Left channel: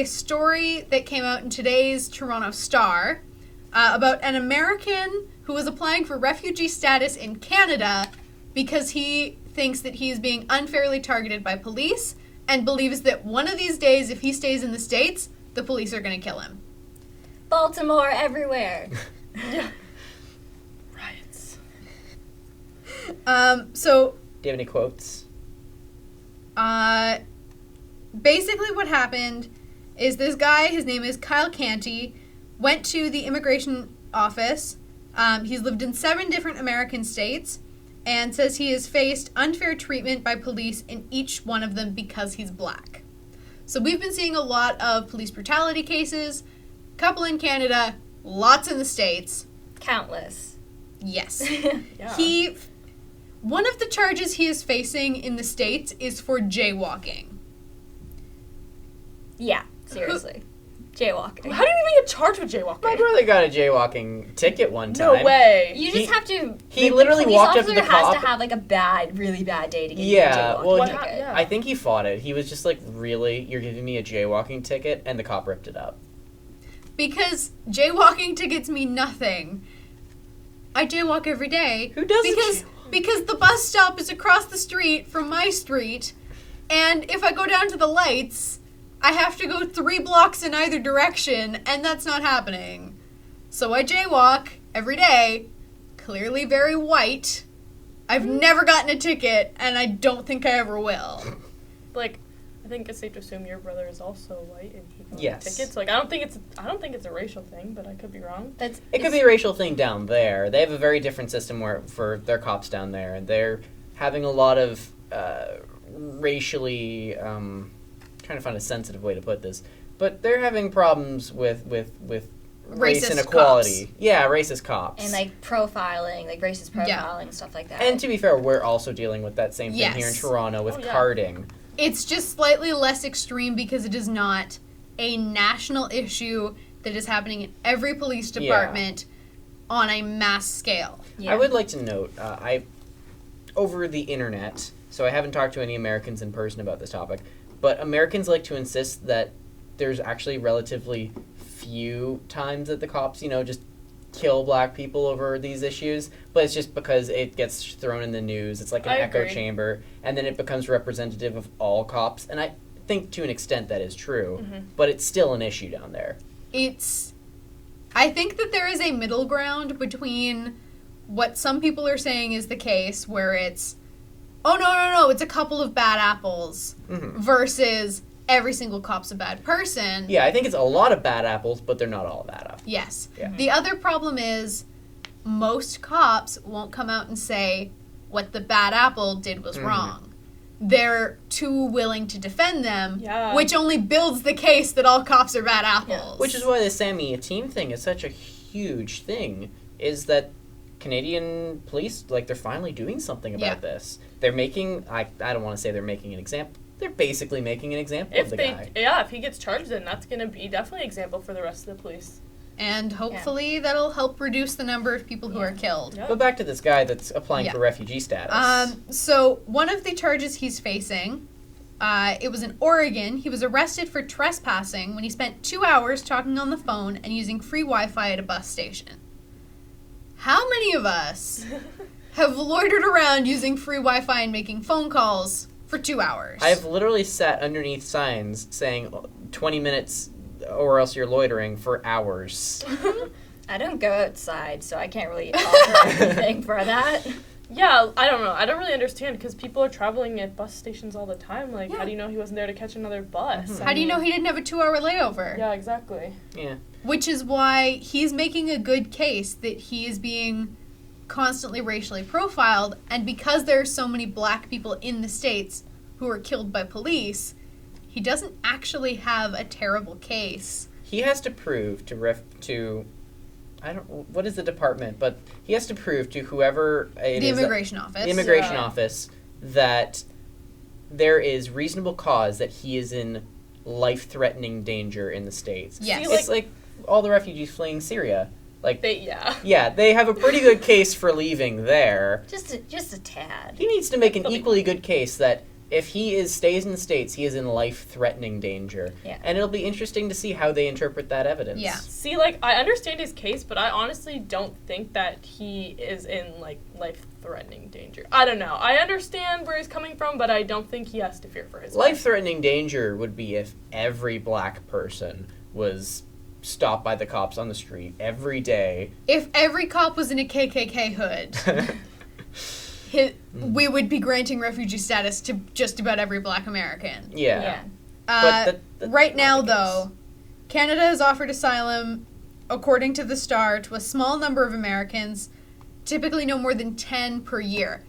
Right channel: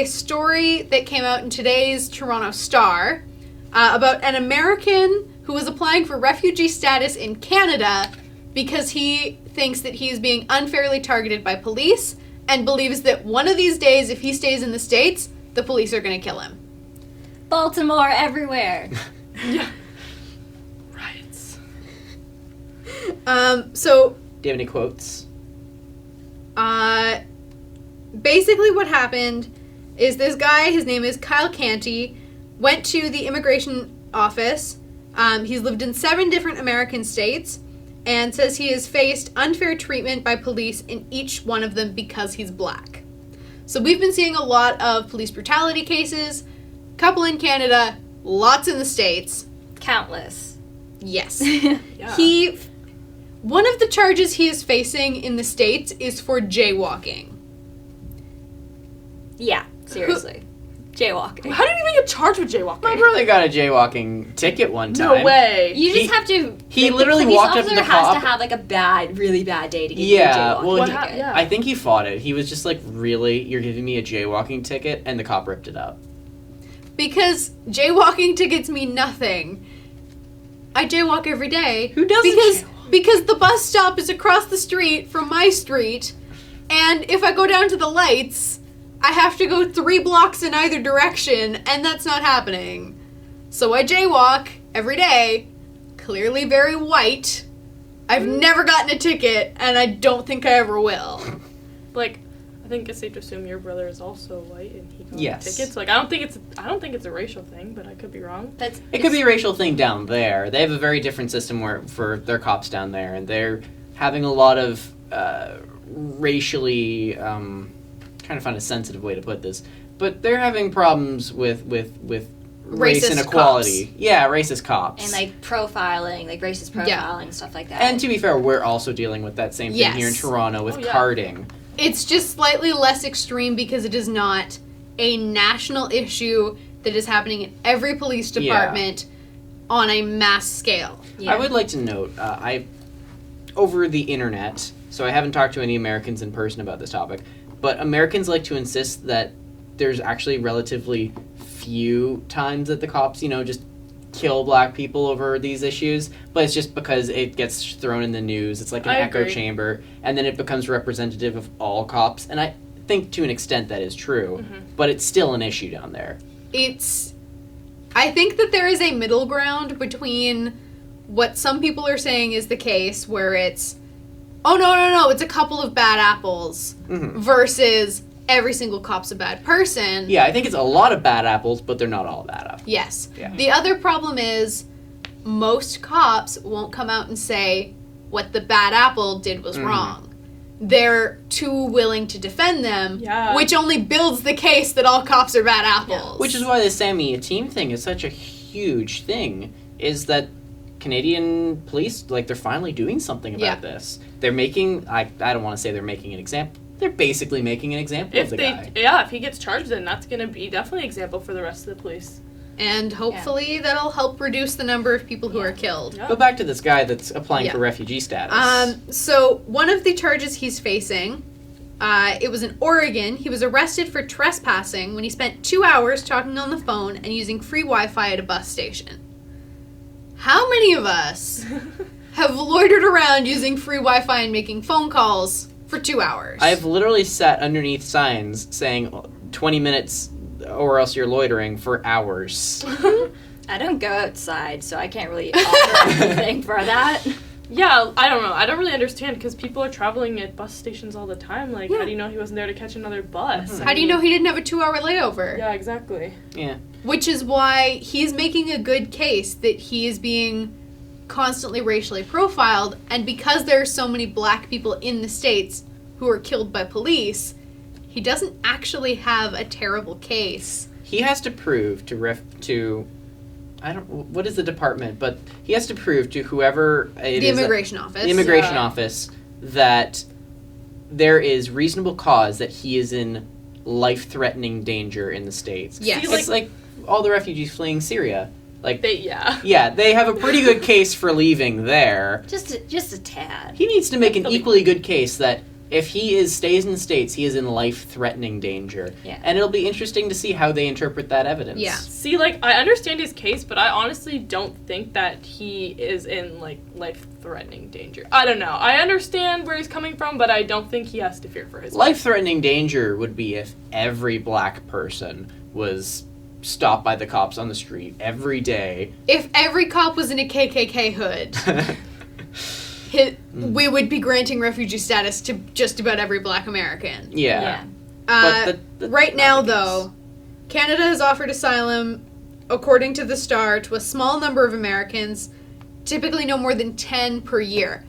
a story that came out in today's Toronto Star about an American who was applying for refugee status in Canada because he thinks that he is being unfairly targeted by police and believes that one of these days, if he stays in the States, the police are going to kill him. Baltimore everywhere. Yeah. Riots. So... Do you have any quotes? Basically what happened is this guy, his name is Kyle Canty, went to the immigration office. He's lived in 7 different American states and says he has faced unfair treatment by police in each one of them because he's black. So we've been seeing a lot of police brutality cases, couple in Canada, lots in the States. Countless. Yes. Yeah. One of the charges he is facing in the States is for jaywalking. Yeah, seriously. Jaywalking. How do you even get charged with jaywalking? My brother got a jaywalking ticket one No time. way. You just have to... He literally walked up to the police officer cop. has to have, like, a really bad day to get Yeah, you a well, jaywalking ticket. yeah. I think he fought it. He was just like, really? You're giving me a jaywalking ticket? And the cop ripped it up. Because jaywalking tickets mean nothing. I jaywalk every day. Who doesn't Because the bus stop is across the street from my street, and if I go down to the lights, I have to go 3 blocks in either direction, and that's not happening. So I jaywalk every day, clearly very white. I've never gotten a ticket, and I don't think I ever will. Like, I think it's safe to assume your brother is also white and he got Yes. tickets. Like, I don't think it's a racial thing, but I could be wrong. It could be a racial thing down there. They have a very different system for their cops down there, and they're having a lot of racially... trying to find a sensitive way to put this, but they're having problems with race Racist inequality. cops. Yeah, racist cops. And, like, profiling, like, racist profiling, stuff like that. And to be fair, we're also dealing with that same thing Yes. here in Toronto with Oh, yeah. carding. It's just slightly less extreme because it is not a national issue that is happening in every police department on a mass scale. Yeah. I would like to note, over the internet, so I haven't talked to any Americans in person about this topic, but Americans like to insist that there's actually relatively few times that the cops, just kill black people over these issues, but it's just because it gets thrown in the news. It's like an I echo agree. chamber, and then it becomes representative of all cops, and I think to an extent that is true, Mm-hmm. but it's still an issue down there. I think that there is a middle ground between what some people are saying is the case, where it's, oh, no, it's a couple of bad apples, Mm-hmm. versus every single cop's a bad person. Yeah, I think it's a lot of bad apples, but they're not all bad apples. Yes. Yeah. The other problem is most cops won't come out and say what the bad apple did was wrong. They're too willing to defend them, which only builds the case that all cops are bad apples. Which is why the Sammy Team thing is such a huge thing, is that Canadian police, they're finally doing something about this. They're making, I don't want to say they're making an example, they're basically making an example of the guy. If he gets charged, then that's going to be definitely an example for the rest of the police. And hopefully that'll help reduce the number of people who are killed. Yeah. But back to this guy that's applying for refugee status. So one of the charges he's facing, it was in Oregon. He was arrested for trespassing when he spent 2 hours talking on the phone and using free Wi-Fi at a bus station. How many of us have loitered around using free Wi-Fi and making phone calls for 2 hours? I've literally sat underneath signs saying 20 minutes or else you're loitering for hours. I don't go outside, so I can't really offer anything for that. Yeah, I don't know. I don't really understand because people are traveling at bus stations all the time. Like, how do you know he wasn't there to catch another bus? How do you know he didn't have a 2-hour layover? Yeah, exactly. Yeah. Which is why he's making a good case that he is being constantly racially profiled, and because there are so many black people in the States who are killed by police, he doesn't actually have a terrible case. He has to prove what is the department, but he has to prove to whoever it The is, immigration office. the immigration office, that there is reasonable cause that he is in life-threatening danger in the States. Yes. It's like all the refugees fleeing Syria. They have a pretty good case for leaving there. Just a tad. He needs to make an equally good case that If he stays in the States, he is in life-threatening danger. Yeah. And it'll be interesting to see how they interpret that evidence. Yeah. See, like, I understand his case, but I honestly don't think that he is in, like, life-threatening danger. I don't know. I understand where he's coming from, but I don't think he has to fear for his life. Life-threatening danger would be if every black person was stopped by the cops on the street every day. If every cop was in a KKK hood, we would be granting refugee status to just about every black American. Yeah. Yeah. But Right now, though, Canada has offered asylum, according to the Star, to a small number of Americans, typically no more than 10 per year.